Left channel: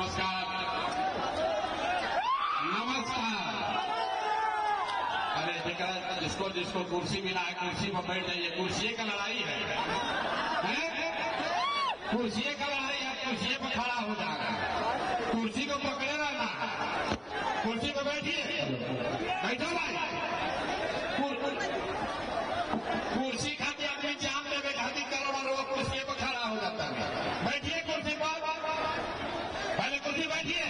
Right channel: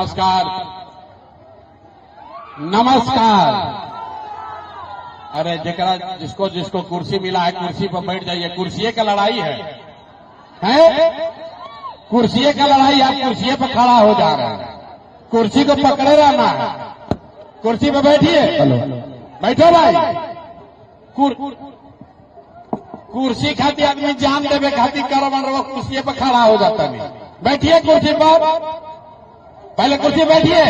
नमस्कार नमस्कार। अरे जरा जिसको जिसको कुर्सी मिला है कुर्सी पर बैठ जाइए। कुर्सी का लड़ाई है? कुर्सी का लड़ाई। आप कुर्सी पर खड़ा हो जा रहे हैं, कुर्सी को पकड़े रहना है। कुर्सी पर बैठिए। बैठो भाई। कुर्सी खाती आदमी जान देवे खाती करवन वो कुर्सी पर खड़ा हो जाता नहीं। बैठिए कुर्सी पर, पहले कुर्सी बैठिए।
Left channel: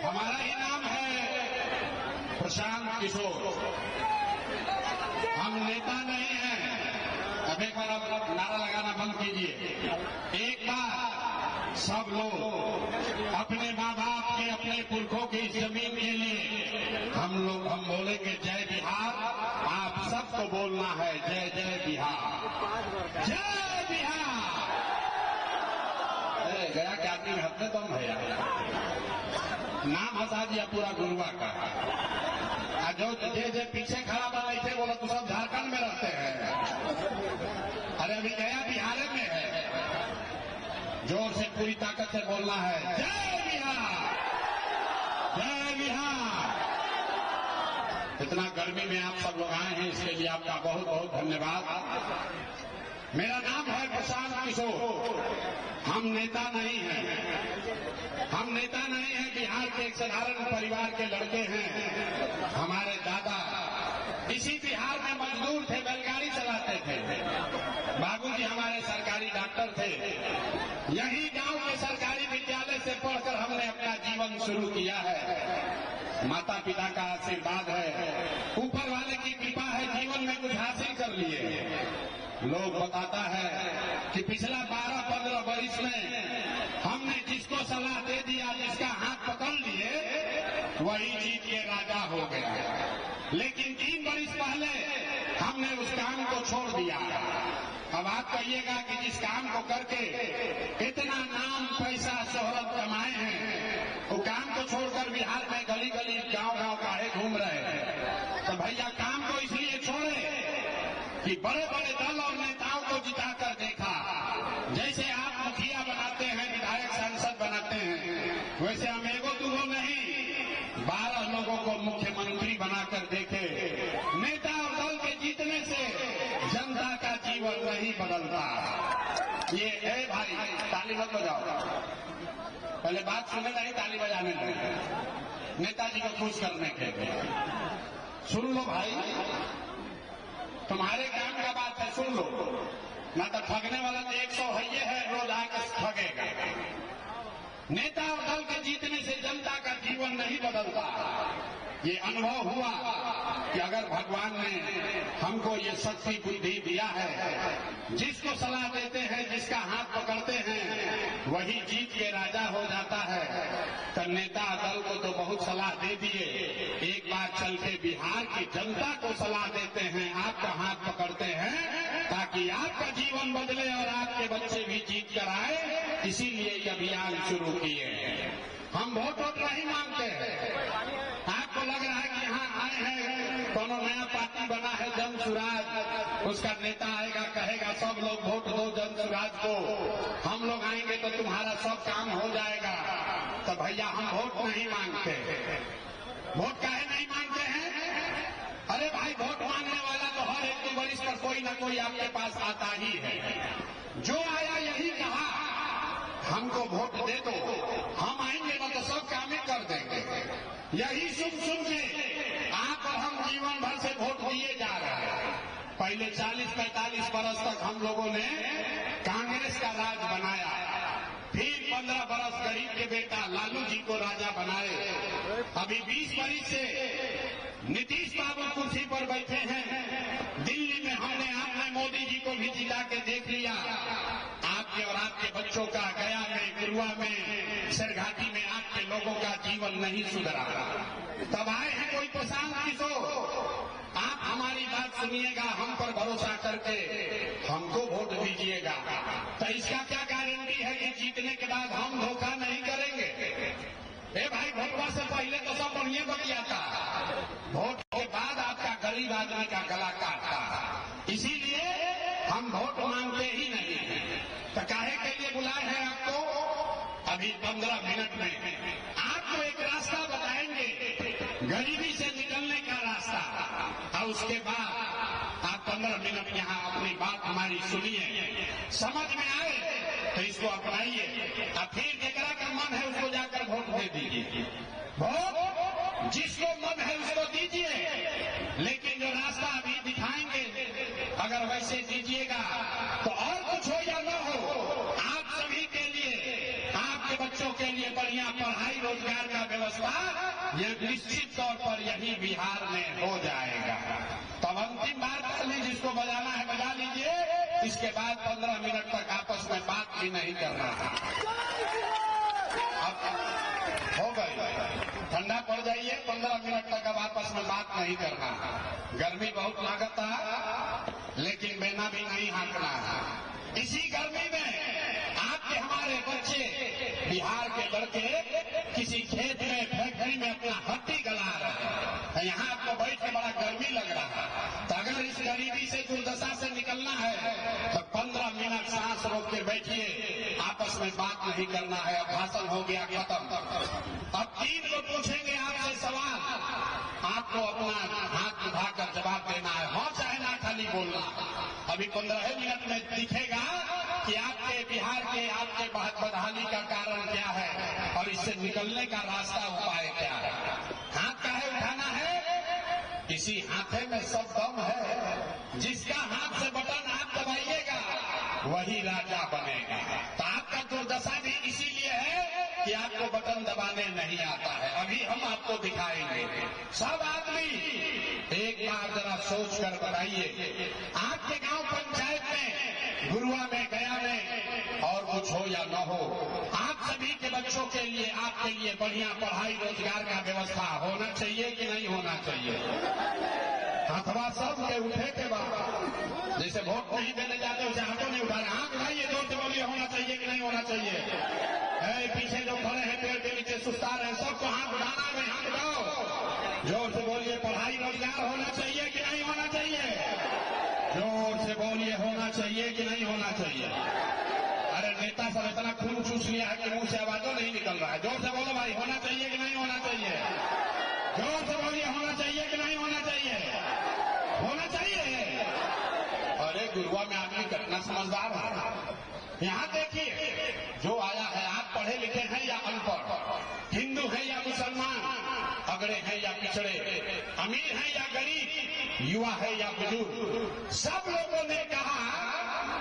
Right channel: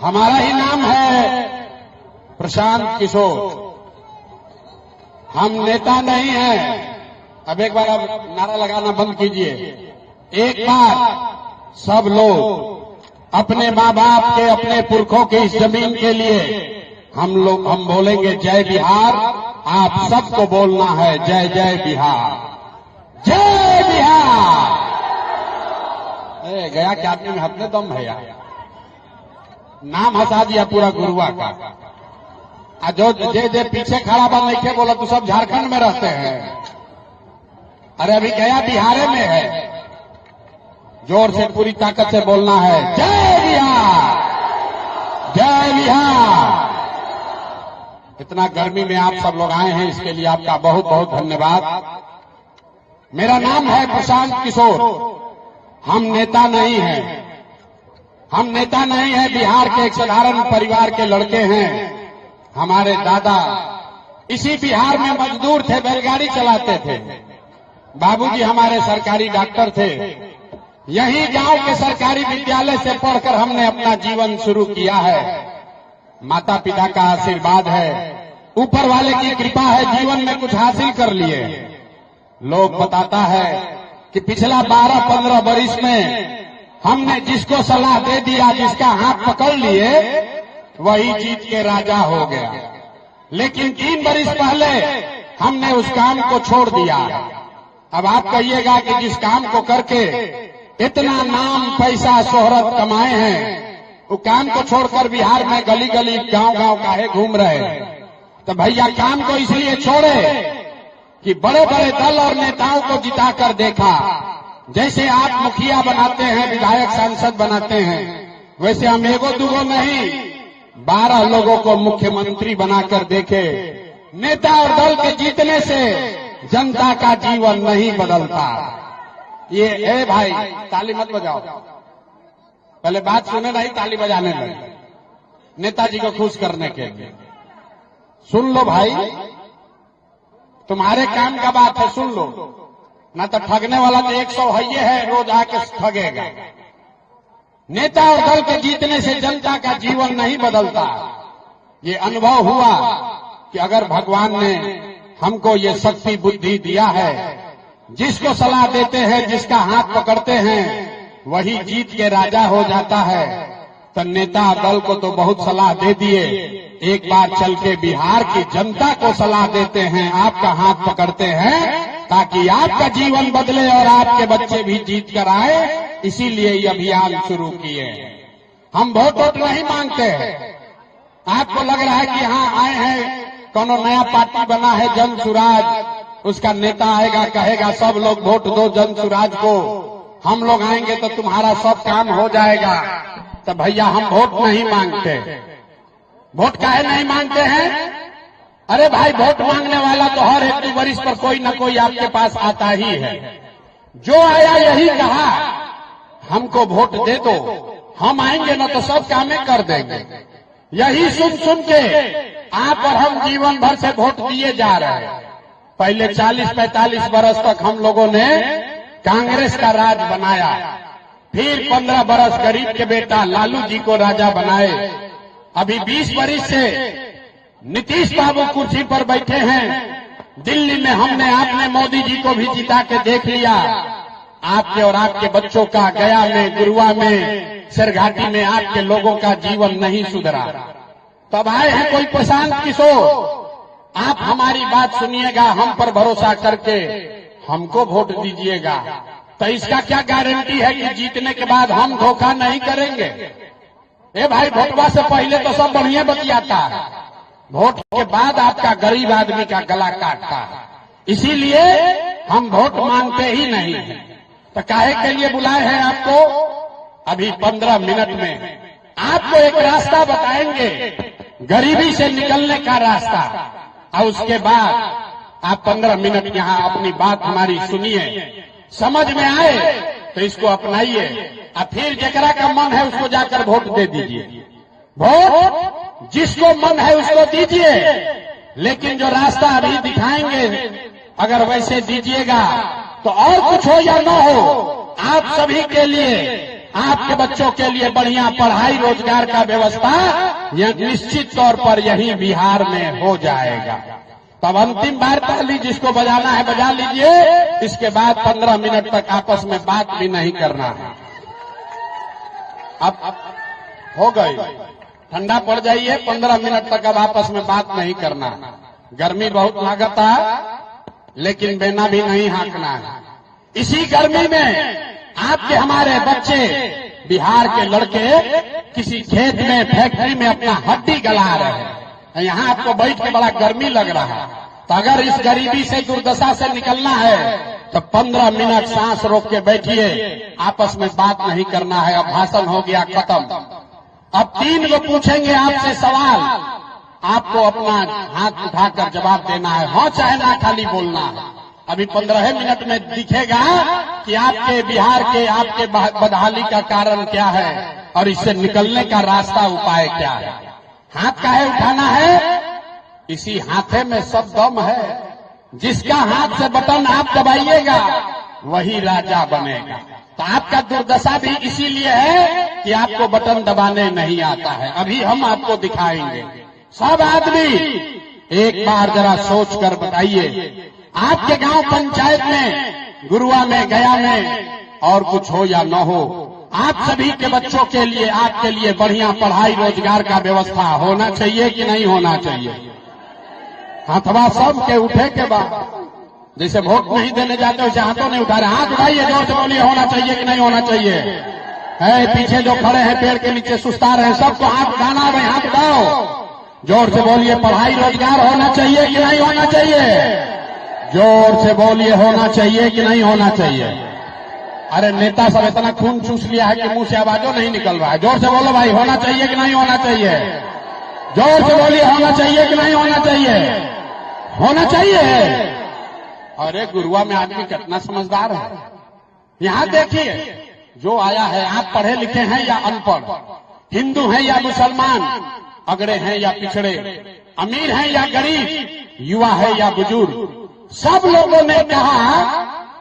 हमारा ही नाम है प्रशांत किशोर। हम नेता नहीं हैं। अब एक बार आप नारा लगाना बंद कीजिए। एक बार सब लोग अपने माँ बाप के, अपने पुरखों के इस जमीन के लिए हम बोलेंगे जय बिहार। आप सबको बोलना है जय जय बिहार, जय बिहार। गया क्या आदमी हाथ में दम है यार। नाम हंसा दिया पूरा गुरुआ का। जो जे पीछे खड़ा बा नहीं के बोला तो सब झारखंड में रहते हैं। अरे अभी गया बिहार में है। जोर से पूरी ताकत से बोलना है जय बिहार, जय बिहार। इतना गर्मी में आप सब लोग आए हैं, इसके लिए आपका बहुत बहुत धन्यवाद। मेरा नाम है प्रशांत किशोर। हम नेता नहीं हैं, हम नेता नहीं हैं। बिहार के एक साधारण परिवार के लड़के हैं। हमारे दादा इसी बिहार में मजदूर थे, बैलगाड़ी चलाते थे। बाबूजी हमारे सरकारी डॉक्टर थे। यही गांव के सरकारी विद्यालय से पढ़कर हमने अपना जीवन शुरू किया है। माता पिता का आशीर्वाद है, ऊपर वाले की कृपा है, जीवन में कुछ हासिल कर लिए। लोग बताता है कि पिछला 12-15 वर्ष में हमने जिसको सलाह दे दिया, जिसका हाथ पकड़ लिए, वही जीत के राजा हो गया। लेकिन 3 वर्ष पहले हमने उस काम को छोड़ दिया। अब आप कहिएगा कि जिस काम को करके इतना नाम पैसा शोहरत कमाए हैं, वो काम को छोड़कर बिहार में गली गली गांव-गांव काहे घूम रहे हैं? तो भैया काम को इसलिए छोड़े कि बड़े बड़े दल और नेताओं को जिताकर देखा। जैसे आप मुखिया बनाते हैं, विधायक सांसद बनाते हैं, वैसे हम एगो दूगो नहीं 12 लोगों को मुख्यमंत्री बनाकर देखे। नेता और दल के जीतने से जनता का जीवन नहीं बदलता। ये भाई ताली मत बजाओ, पहले बात सुने नहीं ताली बजाने लगे। नेताजी को खुश करने के लिए सुन लो भाई, तुम्हारे काम का बात है, सुन लो। ना तो ठगने वाला तो 100 है, रोज आके ठगेगा। नेता और दल के जीतने से जनता का जीवन नहीं बदलता। ये अनुभव हुआ कि अगर भगवान ने हमको ये शक्ति बुद्धि दिया है, जिसको सलाह देते हैं, जिसका हाथ पकड़ते हैं, वही जीत के राजा हो जाता है। तो नेता दल को तो बहुत सलाह दे दिए, एक बार चल के बिहार की जनता को सलाह देते हैं, आपका हाथ पकड़ते हैं, ताकि आपका जीवन बदले और आपके बच्चे भी जीत कर आए। इसीलिए ये अभियान शुरू किए। हम वोट नहीं मांगते हैं। आपको लग रहा है कि यहाँ आए हैं, कोनो नया पार्टी बना है जन सुराज, उसका नेता आएगा कहेगा सब लोग वोट दो जन सुराज को, हम लोग आएंगे तो तुम्हारा सब काम हो जाएगा। तो भैया हम वोट नहीं मांगते। वोट काहे नहीं मांगते हैं? अरे भाई वोट मांगने वाला तो हर एक वर्ष पर कोई न कोई आपके पास आता ही है। जो आया यही कहा हमको वोट दे दो, हम आएंगे ना तो सब कामें कर देंगे। यही सुन सुन के आप और हम जीवन भर से वोट दिए जा रहे हैं। पहले 40-45 वर्ष तक हम लोगों ने कांग्रेस का राज बनाया, फिर 15 वर्ष गरीब के बेटा लालू जी को राजा बनाए। अभी 20 वर्ष से नीतीश बाबू कुर्सी पर बैठे हैं। दिल्ली में हमने आपने मोदी जी को भी जिता के देख लिया। आपके और आपके बच्चों का गया में, गुरुआ में, सिरघाटी में आपके लोगों का जीवन नहीं सुधरा। तब आए हैं कोई प्रशांत किशोर। आप हमारी बात सुनिएगा, हम पर भरोसा करके हमको वोट दीजिएगा। तो इसका क्या गारंटी है कि जीतने के बाद हम धोखा नहीं करेंगे? ए भाई वोटवा से पहले तो सब बढ़िया बतियाता है, वोट के बाद आपका गरीब आदमी का गला काटता है। इसीलिए हम वोट मांगते ही नहीं है। तो काहे के लिए बुलाए हैं आपको? अभी 15 मिनट में आपको एक रास्ता बताएंगे, गरीबी से निकलने का रास्ता, और उसके बाद आप 15 मिनट यहाँ अपनी बात हमारी सुनिए, समझ में आए तो इसको अपनाइए, और फिर जकरा का मन है उसको जाकर वोट दे दीजिए। वोट जिसको मन है उसको दीजिए, लेकिन जो रास्ता अभी दिखाएंगे अगर वैसे दीजिएगा तो और कुछ हो या न हो, आप सभी के लिए, आपके बच्चों के लिए बढ़िया पढ़ाई रोजगार का व्यवस्था यह निश्चित तौर पर यही बिहार में हो जाएगा। तब अंतिम बार पहली जिसको बजाना है बजा लीजिए, इसके बाद 15 मिनट तक आपस में बात भी नहीं करना है। अब हो गई, ठंडा पड़ जाइए, 15 मिनट तक अब आपस में बात नहीं करना। गर्मी बहुत लागता है, लेकिन बेना भी नहीं हाँकना है। इसी गर्मी में आपके हमारे बच्चे, बिहार के लड़के किसी खेत में, फैक्ट्री में अपना हड्डी गला रहे हैं, यहाँ आपको बैठ के बड़ा गर्मी लग रहा है। तो अगर इस गरीबी से, दुर्दशा से निकलना है तो 15 मिनट सांस रोक के बैठिए, आपस में बात नहीं करना है। अब भाषण हो गया खत्म। अब 3 को पूछेंगे आपसे सवाल, आपको अपना हाथ उठाकर जवाब देना है, हाँ चाहे ना, खाली बोलना है। अभी 15 मिनट में दिखेगा कि आपके बिहार के, आपके बदहाली का कारण क्या है और इससे निकलने का रास्ता, उपाय क्या है। हाथ काहे उठाना है? इसी हाथे में सब दम है। जिसका हाथ से बटन आप दबाइएगा वही राजा बनेगा। तो आपका दुर्दशा भी इसीलिए है कि आपको बटन दबाने नहीं आता है। अभी हम आपको दिखाएंगे। सब आदमी एक बार जरा सोच कर बताइए, आपके गांव पंचायत में, गुरुआ में, गया में और कुछ हो या न हो, आप सभी के बच्चों के लिए, आपके लिए बढ़िया पढ़ाई रोजगार का व्यवस्था होना चाहिए कि नहीं होना चाहिए? हाथवा सब के उठे के बाद, जैसे वोट नहीं देने जाते वैसे हाथों नहीं उठा रहे। हाथ उठाइए, जोर से बोलिए, होना चाहिए कि नहीं होना चाहिए? है पीछे जो खड़े हैं पेड़ के नीचे सुस्ता रहे, सबको हाथ उठाना है। हाथ उठाओ, जोर से बोलिए, पढ़ाई रोजगार होना चाहिए कि नहीं होना चाहिए? जोर से बोलिए, होना चाहिए कि नहीं होना चाहिए? अरे नेता सब इतना खून चूस लिया है कि मुंह से आवाजों नहीं निकल रहा है। जोर से बोलो भाई, होना चाहिए कि नहीं होना चाहिए? जोर से बोलिए, होना चाहिए कि नहीं होना चाहिए? होना चाहिए। अरे गुरुआ में आदमी कितना समझदार है। यहाँ देखिए, जो आया है, आप पढ़े लिखे हैं या अनपढ़, हिंदू हैं या मुसलमान, अगड़े हैं या पिछड़े, अमीर हैं या गरीब, युवा है या बुजुर्ग, सब लोगों ने कहा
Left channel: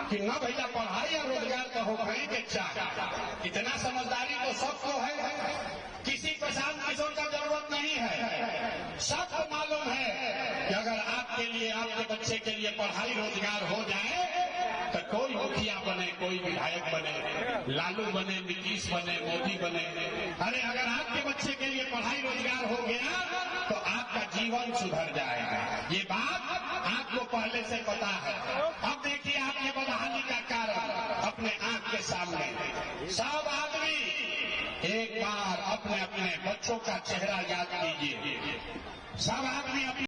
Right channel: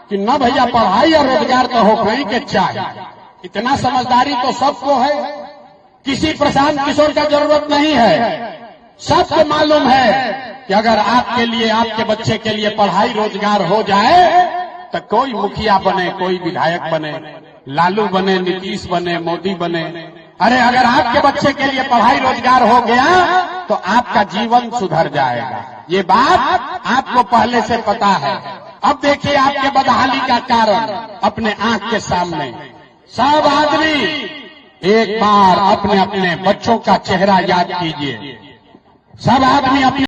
कि न भैया पढ़ाई और रोजगार तो हो कहीं के चाहिए। इतना समझदारी तो सबको है, किसी प्रशांत किशोर का जरूरत नहीं है। सबको मालूम है कि अगर आपके लिए, आपके बच्चे के लिए पढ़ाई रोजगार हो जाए तो कोई मुखिया बने, कोई विधायक बने, लालू बने, नीतीश बने, मोदी बने, अरे अगर आपके बच्चे के लिए पढ़ाई रोजगार हो गया तो आपका जीवन सुधर जाएगा। ये बात आपको पहले से पता है। अब देखिए आपके बदहाली का कारण अपने आंख के सामने। सब आदमी एक बार अपने अपने बच्चों का चेहरा याद कीजिए। सब आदमी अपने